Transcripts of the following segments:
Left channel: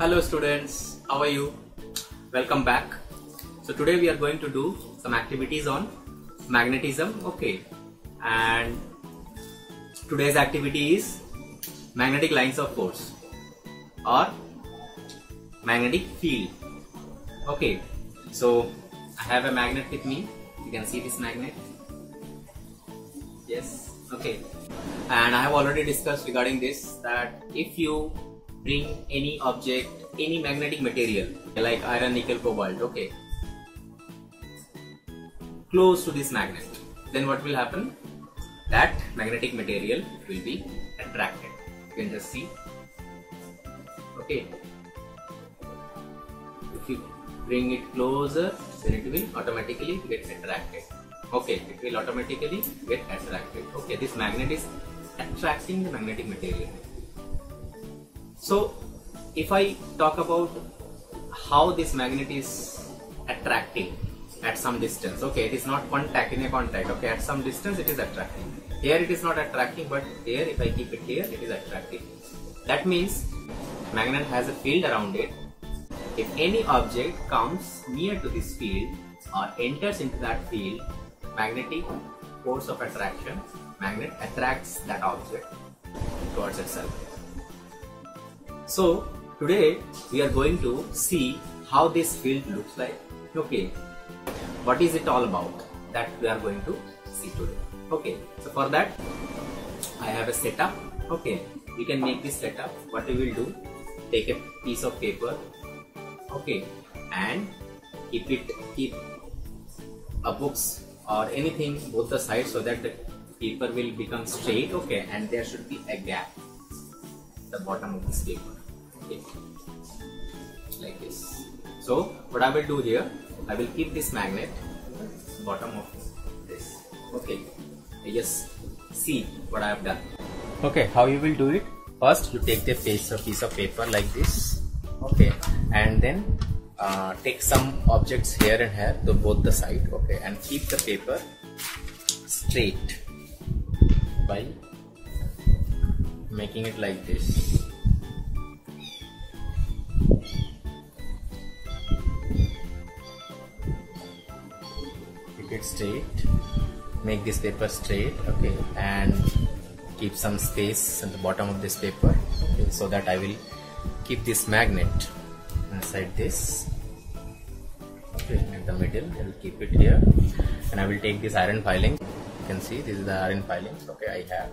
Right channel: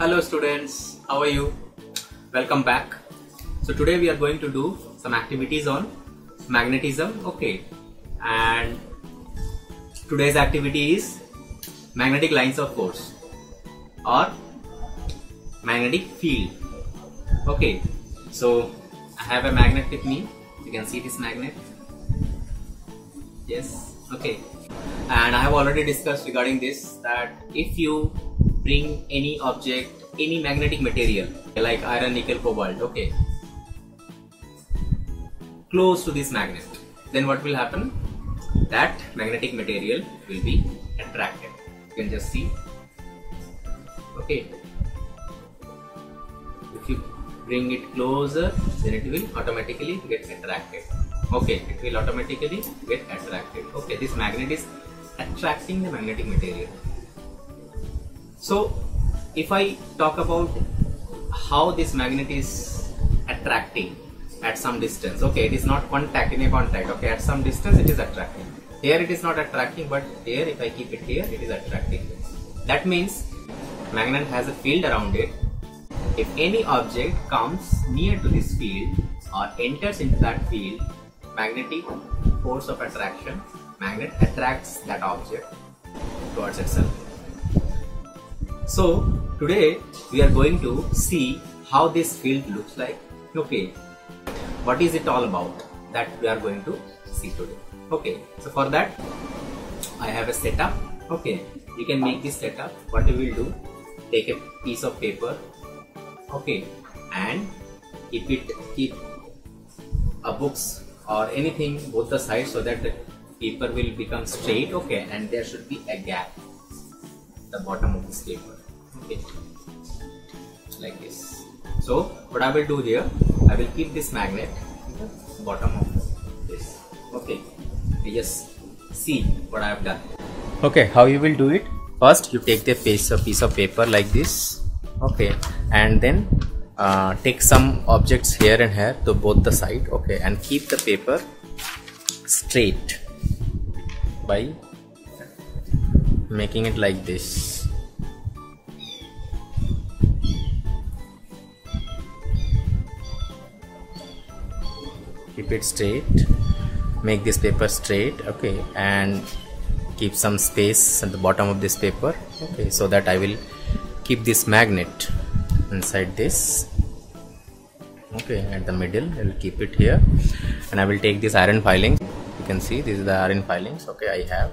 Hello students, how are you? Welcome back. So today we are going to do some activities on magnetism. Okay, and today's activity is magnetic lines of force or magnetic field. Okay, so I have a magnet with me. You can see this magnet. Yes, okay. And I have already discussed regarding this that if you bring any object, any magnetic material like iron, nickel, cobalt, okay, close to this magnet, then what will happen? That magnetic material will be attracted. You can just see. Okay. If you bring it closer, then it will automatically get attracted. Okay, it will automatically get attracted. Okay, this magnet is attracting the magnetic material. So, if I talk about how this magnet is attracting at some distance, okay, it is not contact in a contact, okay, at some distance it is attracting. Here it is not attracting, but here if I keep it here, it is attracting. That means magnet has a field around it. If any object comes near to this field or enters into that field, magnetic force of attraction, magnet attracts that object towards itself. So today we are going to see how this field looks like. Okay, what is it all about, that we are going to see today. Okay, so for that I have a setup. Okay, you can make this setup. What we will do, take a piece of paper, okay, and keep a books or anything both the sides so that the paper will become straight, okay, and there should be a gap at the bottom of this paper, okay, like this. So what I will do here, I will keep this magnet at the bottom of this. Okay, you just see what I have done. Okay, how you will do it? First you take the piece of paper like this, okay, and then take some objects here and here to both the side, okay, and keep the paper straight by making it like this. Keep it straight, make this paper straight, okay, and keep some space at the bottom of this paper, okay, so that I will keep this magnet inside this, okay, at the middle. I will keep it here, and I will take this iron filing. You can see this is the iron filings, okay, I have.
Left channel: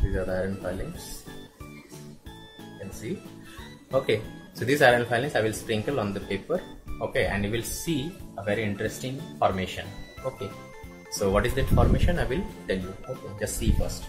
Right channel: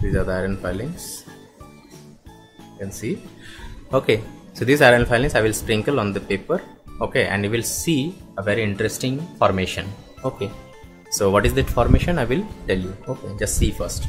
These are the iron filings, you can see. Okay, so these iron filings I will sprinkle on the paper, okay, and you will see a very interesting formation. Okay, so what is that formation? I will tell you. Okay, just see first.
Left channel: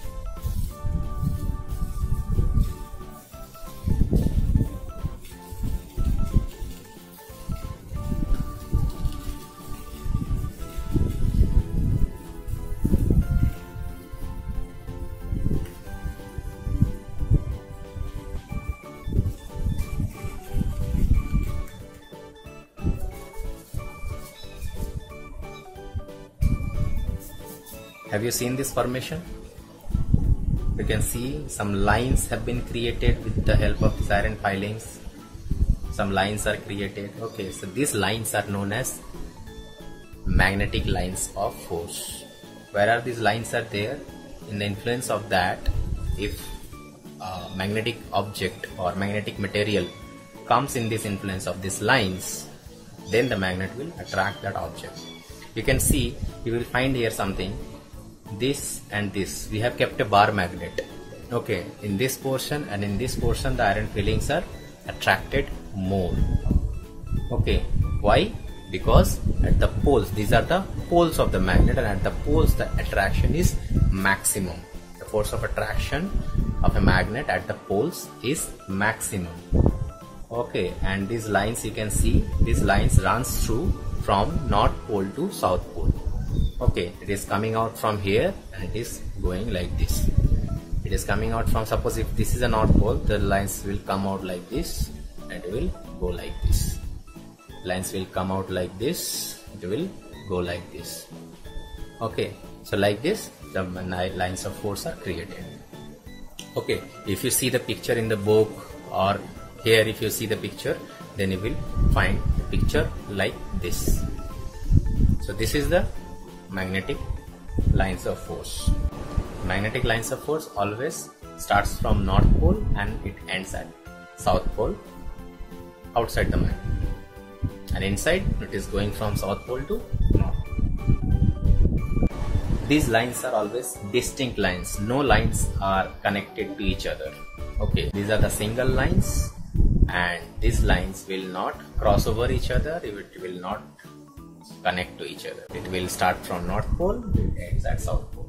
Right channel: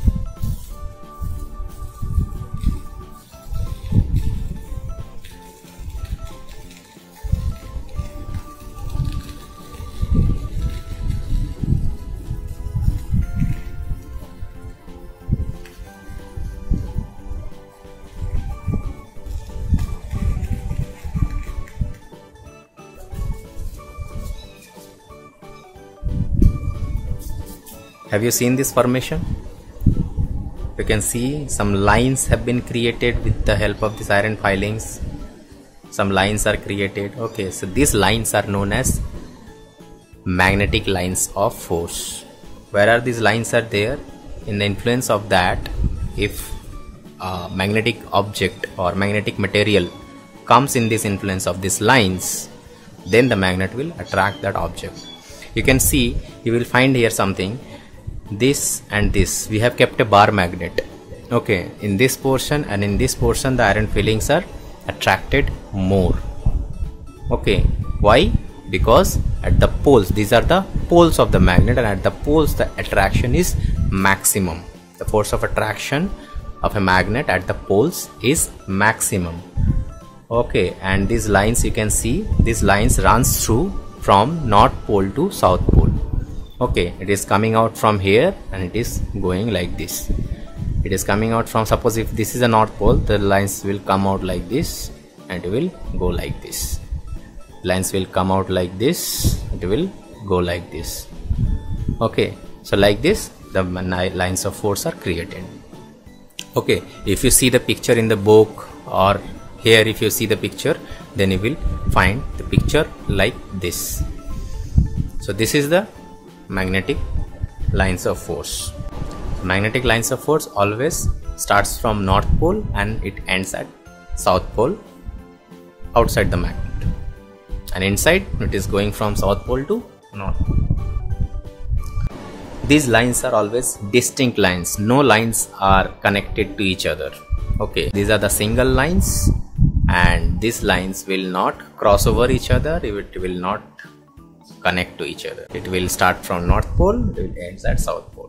Have you seen this formation? You can see some lines have been created with the help of these iron filings. Some lines are created. Okay, so these lines are known as magnetic lines of force. Where are these lines are there? In the influence of that, if a magnetic object or magnetic material comes in this influence of these lines, then the magnet will attract that object. You can see, you will find here something. This and this, we have kept a bar magnet, okay, in this portion, and in this portion the iron filings are attracted more. Okay, why? Because at the poles, these are the poles of the magnet, and at the poles the attraction is maximum. The force of attraction of a magnet at the poles is maximum. Okay, and these lines, you can see these lines runs through from north pole to south pole. Okay, it is coming out from here and it is going like this. It is coming out from, suppose if this is a north pole, the lines will come out like this and it will go like this. Lines will come out like this, it will go like this. Okay, so like this the lines of force are created. Okay, if you see the picture in the book or here if you see the picture, then you will find the picture like this. So this is the magnetic lines of force. Magnetic lines of force always starts from North Pole and it ends at South Pole outside the magnet, and inside it is going from South Pole to North Pole. These lines are always distinct lines, no lines are connected to each other. Okay, these are the single lines, and these lines will not cross over each other, it will not connect to each other. It will start from North Pole, it will end at South Pole.